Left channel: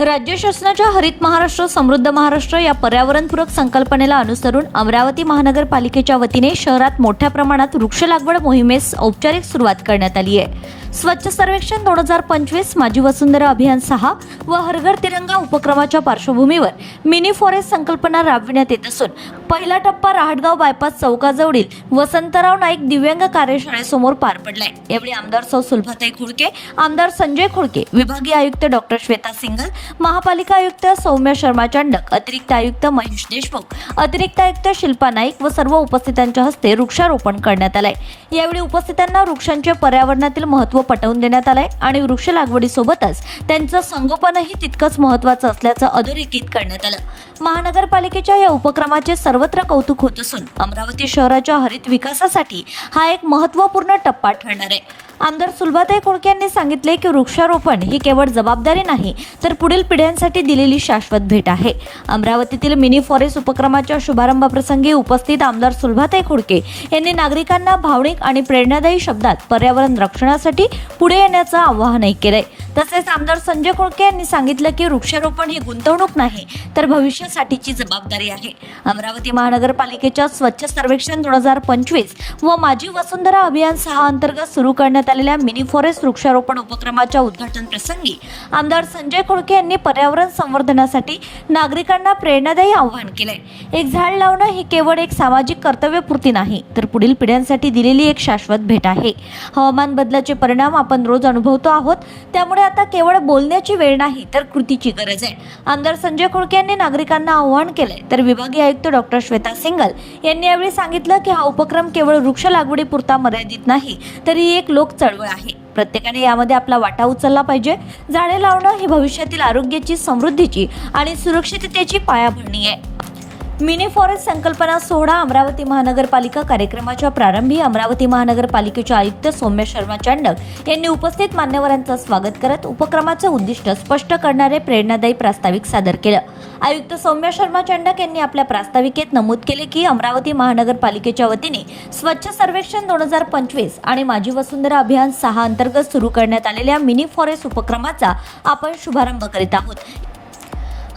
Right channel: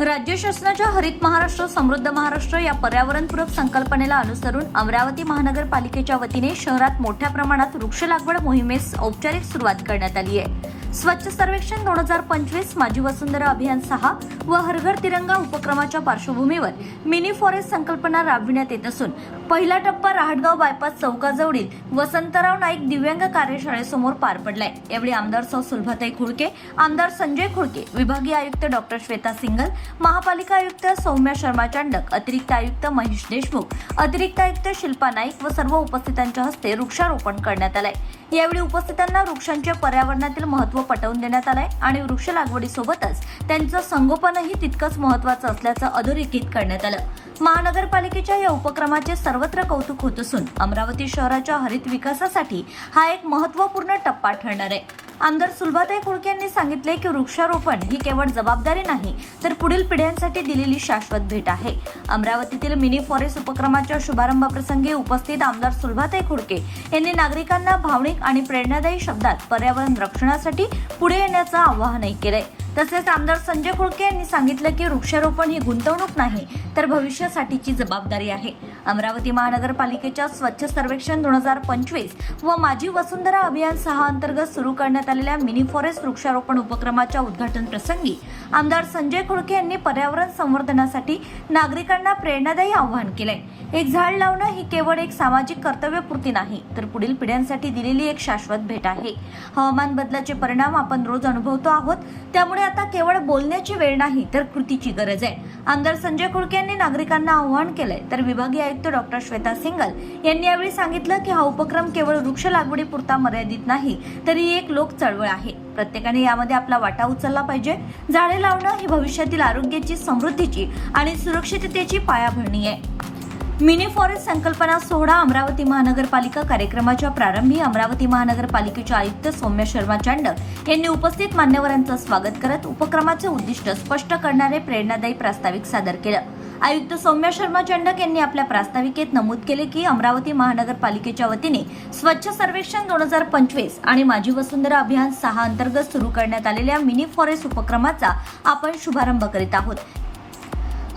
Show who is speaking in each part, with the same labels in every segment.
Speaker 1: राज्य शासनाच्या हरित महाराष्ट्र समृद्ध महाराष्ट्र या पर्यावरणपूरक संकल्पनेला अनुसरून अमरावती महानगरपालिकेच्या वतीने शहरात मोठ्या प्रमाणात वृक्ष लागवड मोहिमेस औपचारिक सुरुवात करण्यात आली आहे. स्वच्छ सर्वेक्षण दोन हजार पंचवीस माझी वसुंधरा अभियान सहा व हरघर तिरंगा उपक्रमाच्या पार्श्वभूमीवर मिनी फॉरेस्ट संकल्पना राबविण्यात येत असून पहिला टप्पा राहटगाव बायपास चौकाजवळील वसंतराव नाईक दिव्यांग कार्यशाळेसमोर पार पडलाय. यावेळी आमदार सौ सुलभाताई खुडके आमदार संजय खुडके विभागीय आयुक्त डॉक्टर श्वेता सिंगल महापालिका आयुक्त सौम्य शर्मा चांडक अतिरिक्त आयुक्त महेश देशमुख अतिरिक्त आयुक्त शिल्पा नाईक व सर्व उपस्थितांच्या हस्ते वृक्षारोपण करण्यात आलंय. यावेळी उपस्थितांना वृक्षांचे पर्यावरणातील महत्त्व पटवून देण्यात आलंय आणि वृक्ष लागवडीसोबतच त्यांचं संगोपन संगोपनही तितकंच महत्वाचं असल्याचं अधोरेखित करण्यात आलं. महानगरपालिकेच्या या उपक्रमाचे सर्वत्र कौतुक होत असून अमरावती शहराच्या हरित विकासासाठी हा एक महत्त्वपूर्ण टप्पा ठरणार आहे. आमदार सुलभाताई खोडके यांनी सांगितले की वृक्षारोपण ही केवळ जबाबदारी नाही तर पुढील पिढ्यांसाठी दिलेली शाश्वत भेट आहे. अमरावतीतील मिनी फॉरेस्ट उपक्रमाच्या शुभारंभाप्रसंगी उपस्थित आमदार सुलभाताई खोडके यांनी नागरिकांना भावनिक आणि प्रेरणादायी शब्दात पर्यावरण रक्षणासाठी पुढे येण्याचं आवाहनही केलंय. तसेच आमदार संजय खोडके यांनी सांगितलं की वृक्षारोपण ही गुंतवणूक नाही तर भविष्यासाठीची जबाबदारी आहे. अमरावती महानगरपालिकेच्या स्वच्छ सर्वेक्षण दोन हजार पंचवीस व माझी वसुंधरा अभियान सहा अंतर्गत सुरू करण्यात आलेल्या मिनी फॉरेस्ट वृक्षारोपण उपक्रमाच्या उद्घाटन प्रसंगी आमदार संजय खोडके यांनी पर्यावरण संवर्धनासाठी नागरिकांना प्रेरणादायी आवाहन केलंय. एक झाड लावणं ही केवळ एक सामाजिक कर्तव्यपूर्ती नाही तर पुढील पिढ्यांसाठी दिलेली एक शाश्वत भेट आहे. हवामान बदलाचे परिणाम आपण रोज अनुभवतो आहोत त्यामुळे आता केवळ बोलण्याची वेळ नाही तर कृतीची गरज आहे. आमदार संजय खोडके यांनी नागरिकांना आवाहन केलंय तर विभागीय आयुक्त डॉक्टर श्वेता सिंगल यांनी यावेळी सांगितलं की हा उपक्रम केवळ वृक्ष लागवडीपुरता मर्यादित नाही तरी एक लोक चळवळ आहे. प्रत्येकाने यामध्ये आपला वाटा उचलला पाहिजे. झाडे लावणं ही भविष्यातील आरोग्याची समृद्धीची आणि सुरक्षिततेची पायाभरणी आहे. मिनी फॉरेस्ट संकल्पना सोहळा अमरावती महानगरपालिका कार्यक्रमाच्या प्रारंभी अमरावती महानगरपालिकेचे आयुक्त सौम्य शर्मा चांडक यांनी उपस्थित मान्यवरांचं स्वागत करत उपक्रमाचं उद्दिष्ट स्पष्ट करणारे प्रेरणादायी प्रास्ताविक सादर केलं. आयुक्त सौम्य शर्मा चांडक यांनी आपल्या प्रास्ताविकेत नमूद केले की अमरावती महानगरपालिकेच्या वतीने स्वच्छ सर्वेक्षण दोन हजार पंचवीस आणि माझी वसुंधरा अभियान सहा अंतर्गत सुरू करण्यात आलेल्या मिनी फॉरेस्ट उपक्रमाचा आपण शुभारंभ करीत आहोत.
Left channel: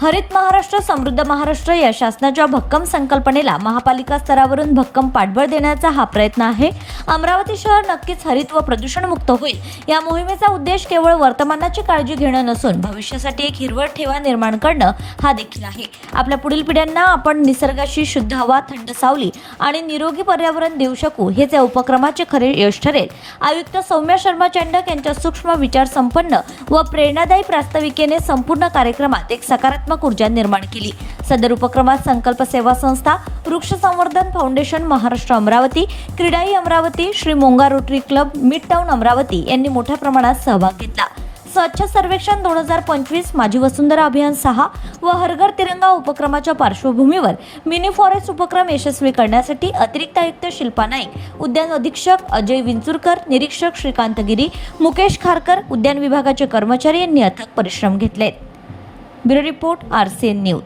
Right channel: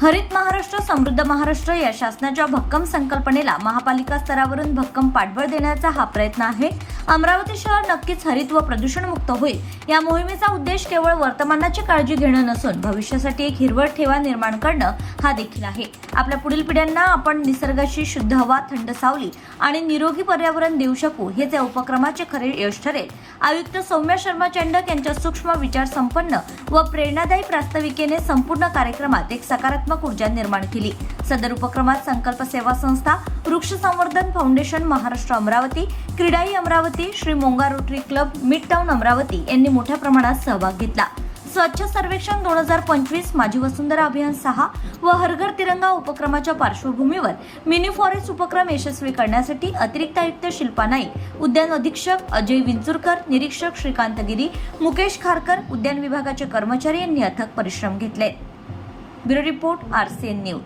Speaker 1: हरित महाराष्ट्र समृद्ध महाराष्ट्र या शासनाच्या भक्कम संकल्पनेला महापालिका स्तरावरून भक्कम पाठबळ देण्याचा हा प्रयत्न आहे. अमरावती शहर नक्कीच हरित व प्रदूषणमुक्त होईल. या मोहिमेचा उद्देश केवळ वर्तमानाची काळजी घेणं नसून भविष्यासाठी एक हिरवळ ठेवा निर्माण करणं हा देखील आहे. आपल्या पुढील पिढ्यांना आपण निसर्गाशी शुद्ध हवा थंड सावली आणि निरोगी पर्यावरण देऊ शकू हेच या उपक्रमाचे खरे यश ठरेल. आयुक्त सौम्या शर्मा चांडक यांच्या सूक्ष्म विचार संपन्न व प्रेरणादायी प्रास्ताविकेने संपूर्ण कार्यक्रमात एक सकारात्मक ऊर्जा निर्माण केली. सदर उपक्रमात संकल्प सेवा संस्था वृक्ष संवर्धन Foundation Maharashtra Amravati CREDAI Amravati Shri Monga Rotary Club Mid Town Amravati यांनी मोठ्या प्रमाणात सहभाग घेतला. स्वच्छ सर्वेक्षण दोन हजार पंचवीस माझी वसुंधरा अभियान सहा व हरघर तिरंगा उपक्रमाच्या पार्श्वभूमीवर मिनी फॉरेस्ट उपक्रम यशस्वी करण्यासाठी अतिरिक्त आयुक्त शिल्पा नाईक उद्यान अधीक्षक अजय विंचुरकर निरीक्षक श्रीकांत गिरी मुकेश खारकर उद्यान विभागाचे कर्मचारी यांनी अथक परिश्रम घेतले. Bureau report R C News